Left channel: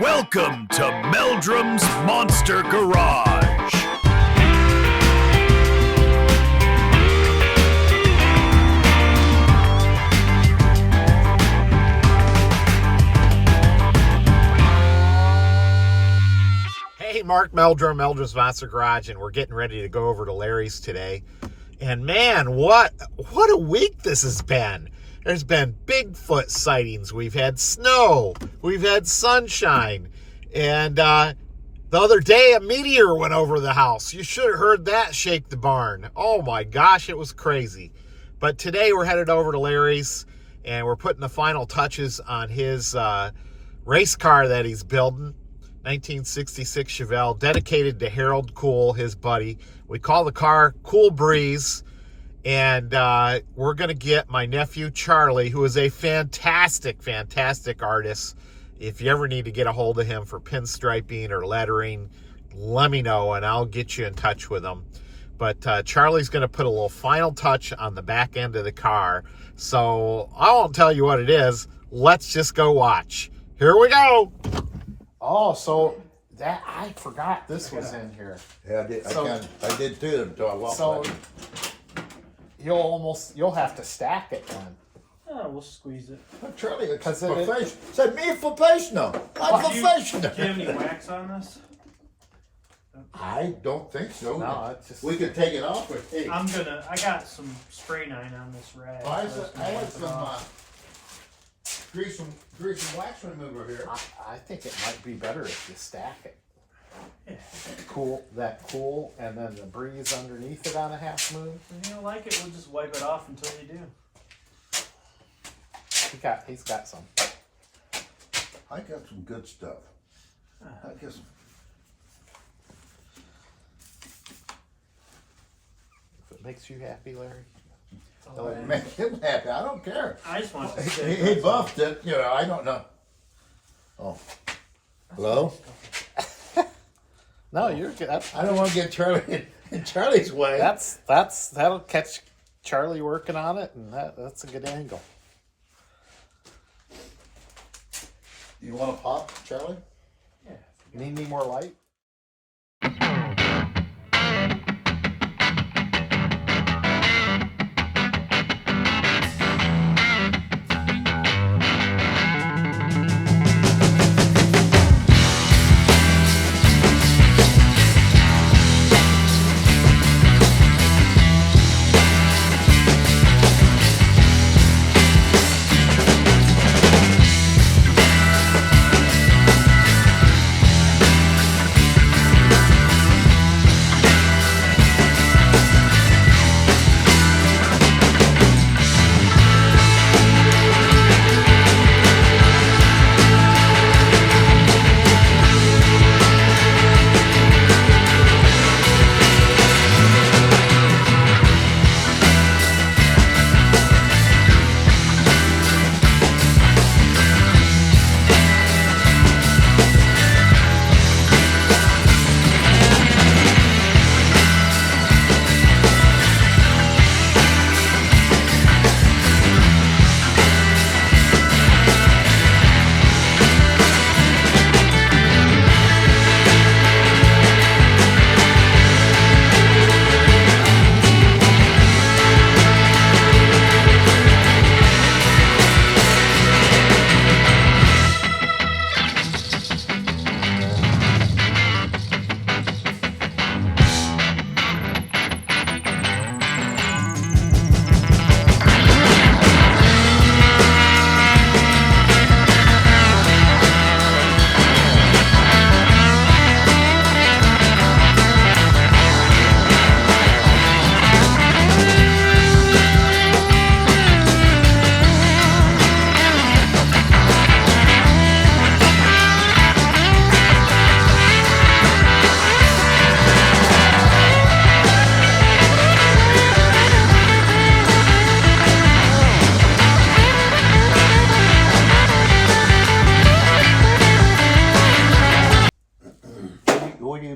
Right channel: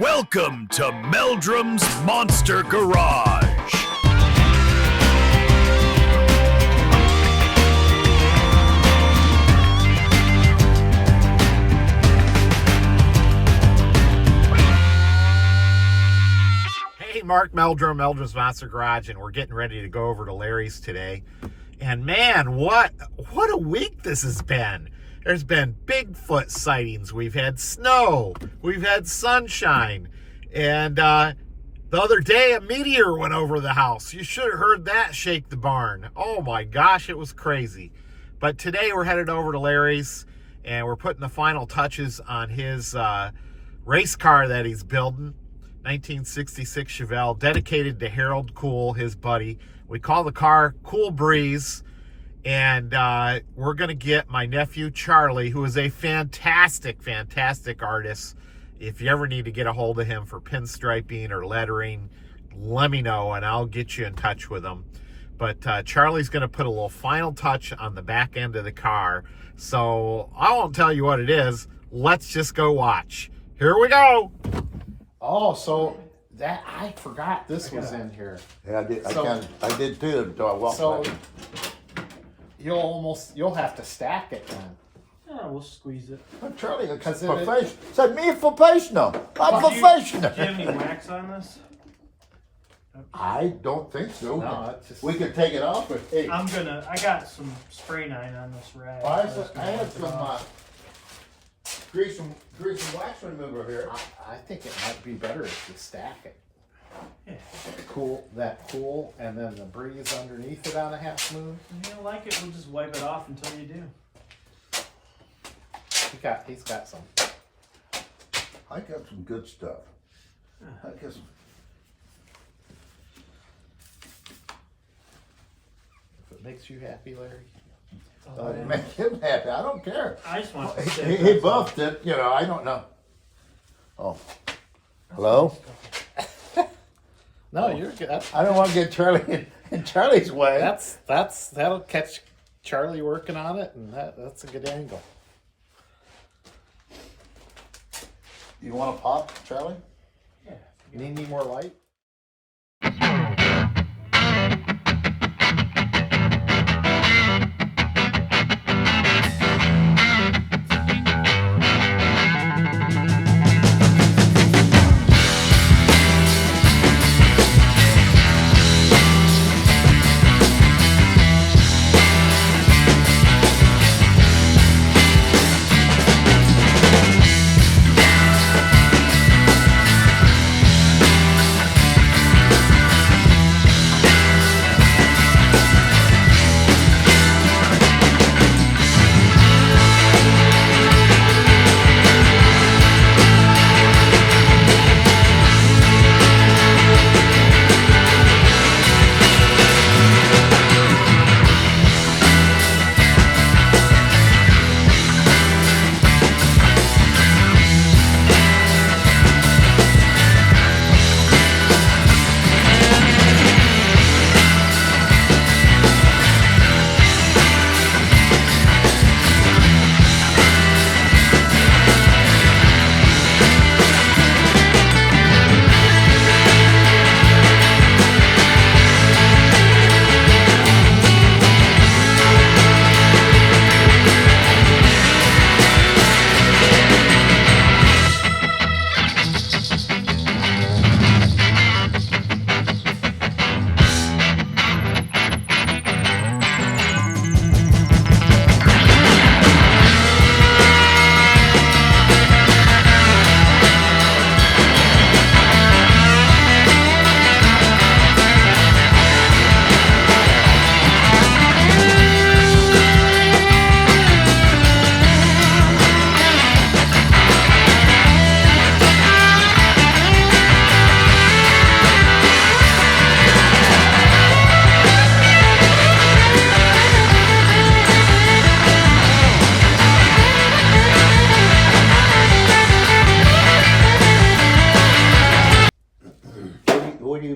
Welcome to Meldrum's Monster Garage. Hey, Mark Meldrum, Meldrum's Monster Garage, and we're getting ready to go over to Larry's today. And man, what a week this has been. There's been Bigfoot sightings. We've had snow. We've had sunshine. And the other day, a meteor went over the house. You should have heard that shake the barn. Oh my gosh, it was crazy. But today we're headed over to Larry's, and we're putting the final touches on his race car that he's building. 1966 Chevelle, dedicated to Harold Kuhl, his buddy. We call the car Kuhl Breeze. And we're going to get my nephew, Charlie, who is a fantastic, fantastic artist. If you ever need to get a hold of him for pinstriping or lettering, let me know, and I'll get you in touch with him. But Charlie's going to put a little final touch on the back end of the car. So I won't tell you what it is. Let's just go watch. Here we go. Oh, so that I forgot this was in here. Yeah, I did too until I walked by. You'll have to stack it then. Oh, we'll squeeze it. Charlie, it's professional. Said me professional. I'm professional. Do you have any wax on this? I don't think so. No, it's just... We could take it off. But, hey, I got some spray nine on this rag. I So had some grease and wax remover here. I think it might be better if you stack it. Yeah. Cool, and then the breeze underneath it on a half moon. If you don't like it, we'll just wipe it off until you do. He's got some. I got some good stuff. I got some. If it makes you happy, Larry. Don't make him happy. I don't care. I just want to He buffed it. You know, I don't know. Oh, hello. No, you're good. I don't want to get Charlie in Charlie's way. That'll catch Charlie working on it, and that's a good angle. You want to pop, Charlie? Yeah. Need any more light?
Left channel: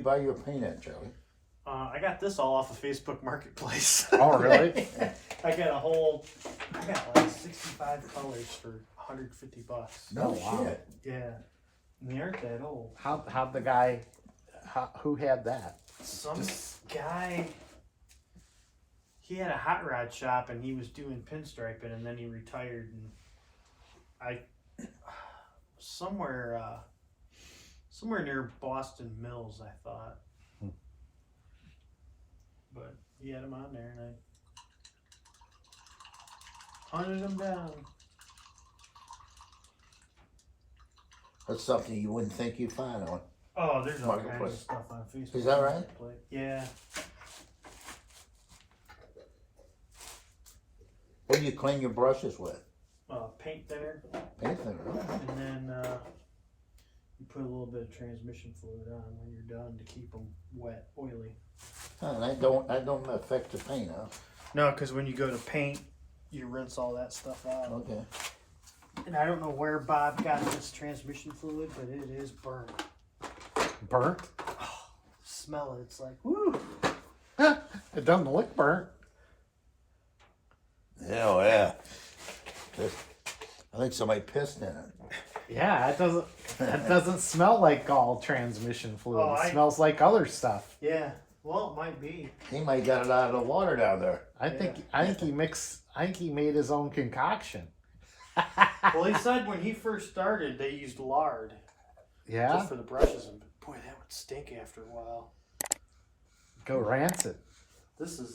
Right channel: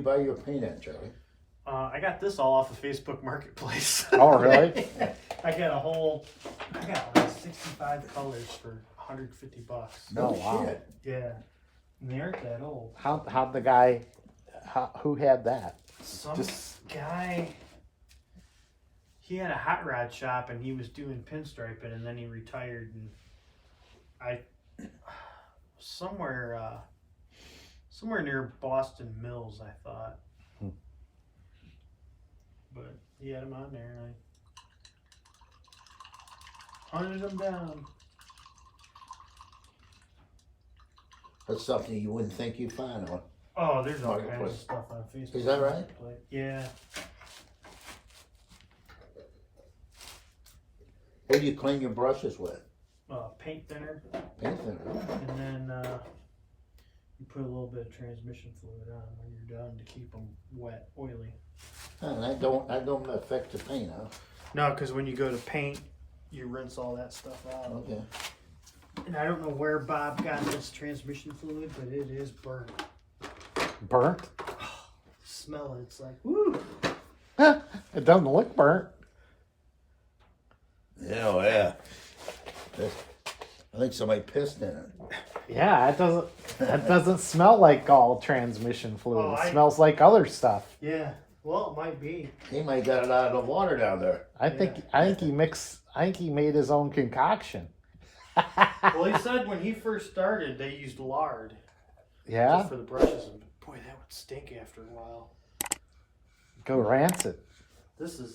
Buy your paint at, Charlie? I got this all off of Facebook Marketplace. Oh, really? I got like 65 colors for $150. No Oh, wow. shit. Yeah. And they aren't that old. How'd the guy? Who had that? Some guy. He had a hot rod shop and he was doing pinstriping, and then he retired. And somewhere near Boston Mills, I thought. But he had them on there, and I hunted them down. That's something you wouldn't think you'd find on. Oh, there's all kinds of Marketplace. stuff on Facebook. Is that right? Yeah. What do you clean your brushes with? Paint thinner, Paint thinner. and then you put a little bit of transmission fluid on when you're done to keep them wet, oily. And that don't affect the paint, huh? No, because when you go to paint, you rinse all that stuff out. Okay. And I don't know where Bob got this transmission fluid, but it is burnt. Burnt? Smell it. It's like, woo. It doesn't look burnt. Yeah, yeah. I think somebody pissed in it. Yeah, that doesn't smell like all transmission fluid. It smells like other stuff. Yeah. Well, it might be. He might have got it out of the water down there. I think he made his own concoction. Well, he said when he first started, they used lard. Yeah. Just for the brushes, and boy, that would stink after a while. Go rancid. This is